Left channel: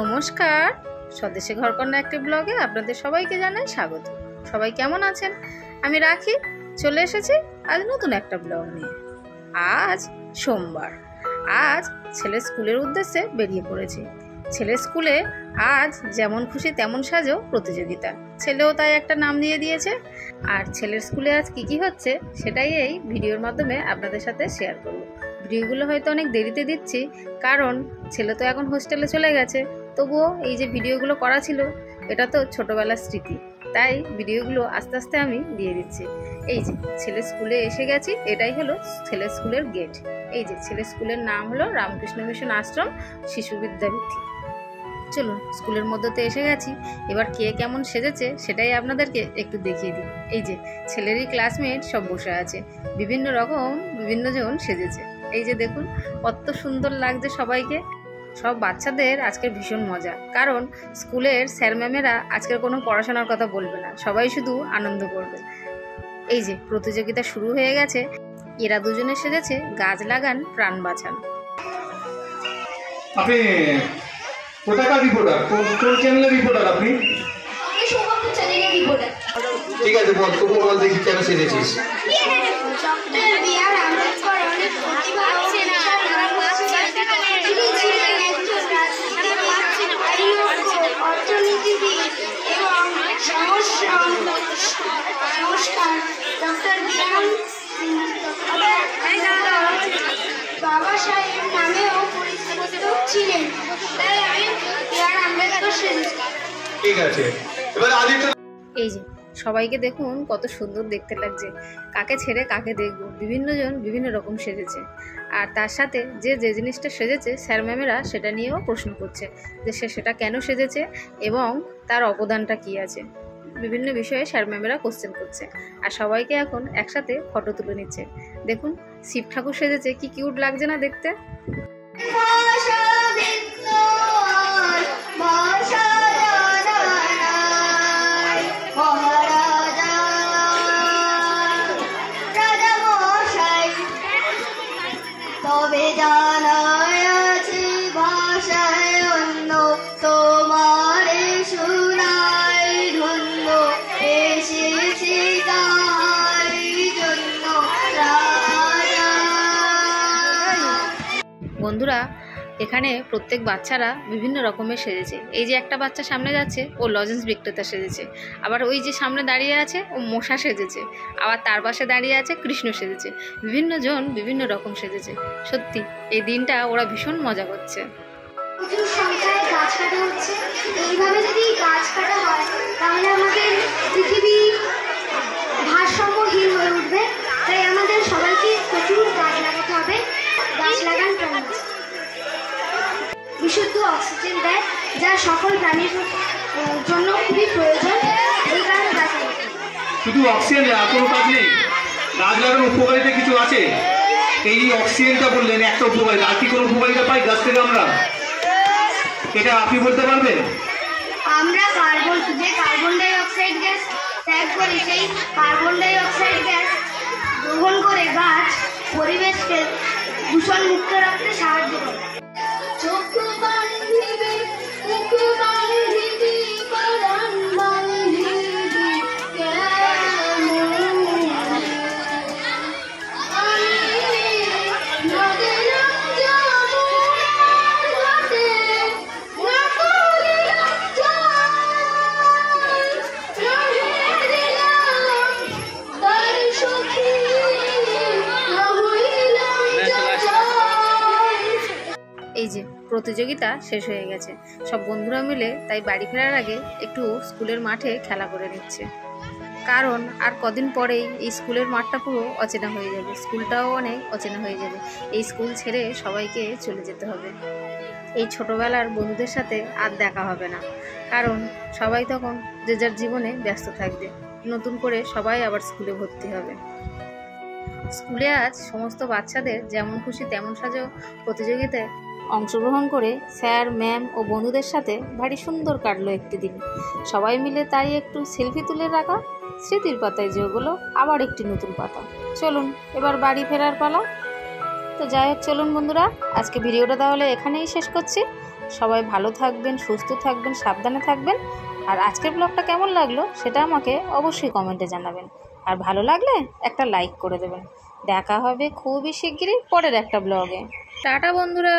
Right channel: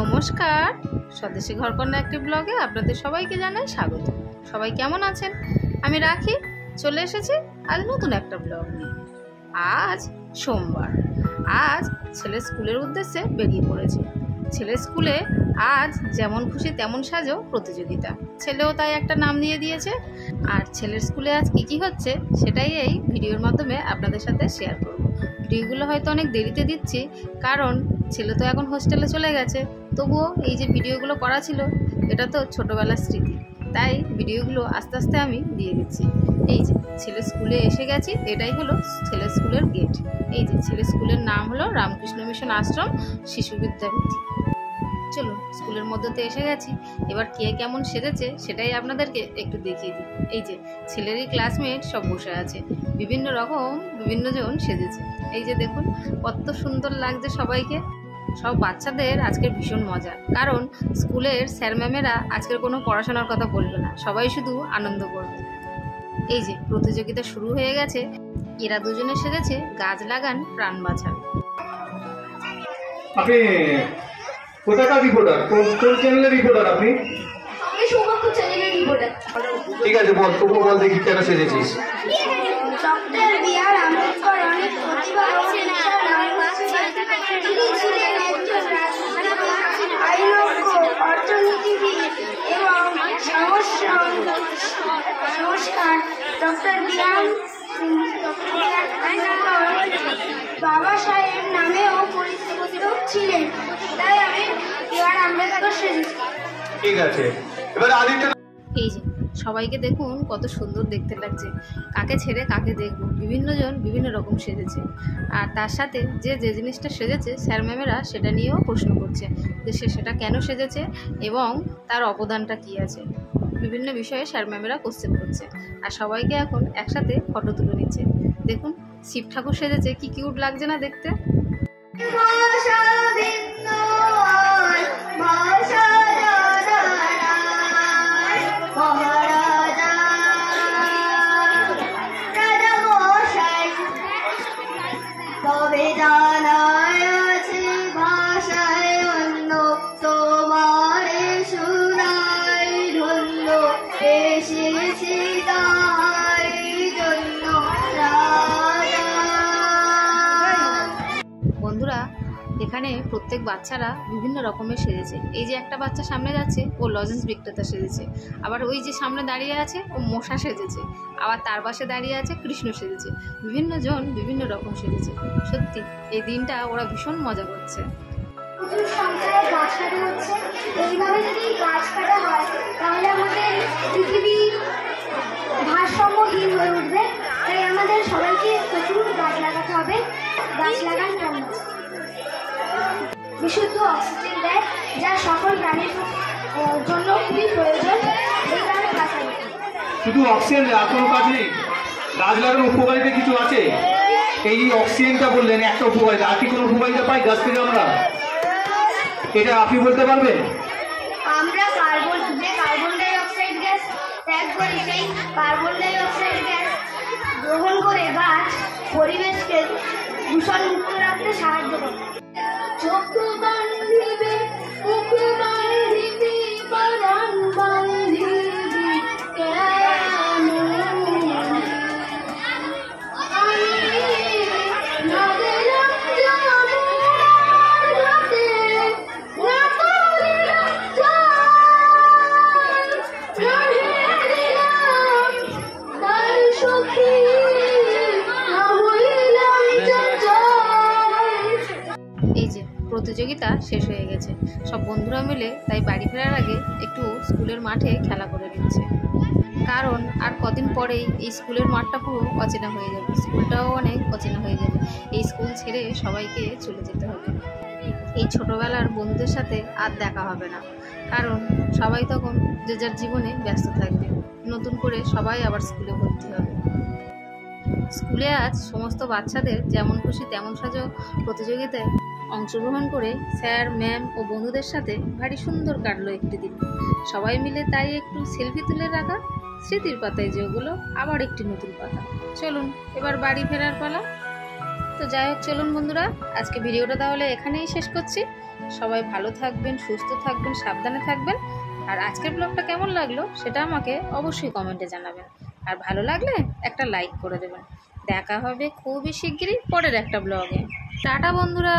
নমস্কার, স্বদেশী ঘরকন্যা একটি ব্লগে আপনাদের সবাইকে জানাই স্বাগত। সবাই কেমন আছেন? আমি রাখি চলে এসেছি আজ নতুন একটা ব্লগ নিয়ে। আজ সোমবার, আজ ছেলে স্কুলের উদ্দেশ্যে বেরিয়ে পড়েছি। ছেলের স্কুলে আজ যেমন খুশি তেমন সাজো প্রতিযোগিতা, ছেলেও তাই একটা নাম দিয়ে দিয়েছে। আর ছেলের স্কুলে আজ কি হচ্ছে সেটাই এই ভিডিওর মাধ্যমে আপনাদের সাথে শেয়ার করব। ভিডিওগুলো হয়তো অনেক দেরিতে দিচ্ছি, কারণ ছেলে তো এখন হোস্টেলে চলে গেছে। তবুও এই যে ভিডিওগুলো করা ছিল, এটা তো ছোটোবেলার স্মৃতি, তাই ভিডিওগুলো আস্তে আস্তে আমি দিয়ে দিচ্ছি। এই যে ছেলের স্কুলে এসে গেছি, এটাই হলো ছেলের স্কুলের গেট। এই যে ছেলের স্কুলের নাম হলো রামকৃষ্ণ মিশন আশ্রম শিশু বিদ্যাপীঠ। চলুন, স্কুলের মধ্যে এসে গেছি। এবার কে কেমন সেজেছে সেটাই আপনাদেরকে একটু দেখিয়ে দিই। এই যে ছেলেরই ক্লাসমেট সব বসে আছে, বিভিন্ন জন সেজেছে। এই যে দেখুন কত সুন্দর লাগছে সবাইকে। সব বাচ্চাদের আজকের ভীষণ মজা, কারণ স্কুলের স্যার ম্যামেরা আজকের কোনো পড়াশোনার কথা বলবে না, সবাই শুধু আনন্দ করবে। এই যে প্রতিযোগিতা শুরু হয়ে গেছে। এরা দুজনে সেজেছে গাছ লাগান প্রাণ বাঁচান। আপনি কোথাকার রিপোর্টার? কোন চ্যানেলের রিপোর্টার আপনি? আমি সৌভাগ্য চ্যানেলের রিপোর্টার। ঠিক আছে, বল তবু বল দেখি কেন সেজেছিস। Doctor B.R.. আম্বেদকর অনেক প্রতিভা ও বিশাল মানুষ ছিলেন। তিনি ছিলেন একজন রাজনীতিবিদ, আইনজ্ঞ, অর্থনীতিবিদ এবং সংস্কার। Doctor B.R.. বাবা সাহেব নামেও পরিচিত ছিলেন, তাই আমি বি.আর. আম্বেদকর সেজেছি। ঠিক আছে, এবার আদিত্য। এই যে সবাইকে দেখুন কত সুন্দর দেখতে লাগছে। কাকে ছেড়ে কাকে দেখব, বিভিন্ন জন বিভিন্ন রকম সেজেছে। আর তার সাথে যে জিনিসটা সেজেছে স্যার ম্যামেরা সেটা নিয়েও প্রশ্ন করছে যে সে সেটা কেন সেজেছে এবং তার অবদানটা কী আছে। বিভিন্ন বিষয়ে স্যার ম্যামেরা কোশ্চেন করছে, আর সবাইকে এখন একসাথে ফটো তুলে নিচ্ছে। দেখুন শিব ঠাকুর সেজেছে, কি কিউট লাগছে না দেখতে। বন্ধুরা, এখানে প্রত্যেক বাচ্চারা বিভিন্ন রকমের সেজেছে। এই যে একটা বাচ্চা সামনে যাচ্ছে, ও লজেন্স বিক্রেতা সেজেছে। আবার ওই যে সামনে দাঁড়িয়ে আছে, ও মশা সেজেছে। আবার তার পাশে দাঁড়িয়ে আছে কৃষ্ণ সেজেছে। বিভিন্ন জন বিভিন্ন রকম সেজেছে। সত্যি এই দিনটা ওরা ভীষণ মজা করছে। প্রচুর সংখ্যায় গাছ কাটা হচ্ছে। এইভাবে যদি গাছ কাটা হয় তাহলে আমাদের পৃথিবী ভারসাম্যহীন হয়ে উঠবে। তাই আমাদের সবাইকে প্রচুর গাছ লাগাতে হবে। গাছ লাগান প্রাণ বাঁচান। বিশুদ্ধ অক্সিজেন দেয়, যা সকল প্রাণীর জন্য খুবই প্রয়োজন। এই কারণে গাছ লাগাতে হবে। শুধু অক্সিজেন আর কোনো কাজ নেই, গাছ লাগানোর উপকারিতা কিছু আছে। এই অক্সিজেনটা বললেন একটা উপকারিতা, আর কি কোনো উপকারিতা পাই গাছ থেকে আমরা? এটা আপনি বলতে পারবেন? আমরা যে কার্বন ডাই অক্সাইড গ্যাস ত্যাগ করি, সেই কার্বন ডাই অক্সাইড গ্যাস গ্রহণ করে গাছ পরিবেশকে দূষণ মুক্ত রাখতে সাহায্য করে। চক্ষু বান্ধিবে, মুখে বান্ধিবে, পরাণ বান্ধিবে কেমন? আমি না গেলাম যমুনার ঘাটে, না করিলাম জল, রহে দিলাম তার সখী, না হইলাম চঞ্চল। এই যে প্রতিযোগিতা শেষ হয়ে গেছে, সব বন্ধুরা মিলে তাই বাড়ি ফেরার আগে একটু স্কুলের মাঠে খেলা করে নিচ্ছে। কারণ আর কদিন পরেই এই স্কুলের মাঠটা পুরো অচেনা হয়ে যাবে, স্কুলটাও অনেক অচেনা হয়ে যাবে। এই স্কুল ছেড়ে সবাইকে চলে যেতে হবে। এই ছোটোবেলার বন্ধুদের সাথে আর দেখা হবে না, কারণ সবাই তখন যে যার জীবনে ব্যস্ত থাকবে। নতুন করে সবাই আবার স্কুলে ভর্তি হবে। স্কুলে আজ সমস্ত বাচ্চাদের যেমন খুশি তেমন সাজো প্রতিযোগিতায় অংশগ্রহণ করে স্যার ম্যাম ও বন্ধুদের সাথে ভারী সুন্দর কাটলো একটি দিন। সবাই মিলে তাই একটু সেলফি তুলে রাখা, স্মৃতির পাতায় যে ওগুলো আবার একটি নতুন পাতা। চলুন এবার বাড়ি ফেরার পালা। তো যাই হোক, চলুন বন্ধুরা, আজকে ভিডিওটা তাহলে এখানেই শেষ করছি। সবাই ভালো থাকবেন, সুস্থ থাকবেন, সাবধানে থাকবেন। আর আজকের ব্লগটা কেমন লাগলো সেটা আমাকে অবশ্যই কমেন্টে জানাবেন। আর ভালো লাগলে একটা লাইক করে দেবেন। দেখা হবে খুবই শিগগিরই পরের একটা ব্লগে। টাটা বন্ধুরা।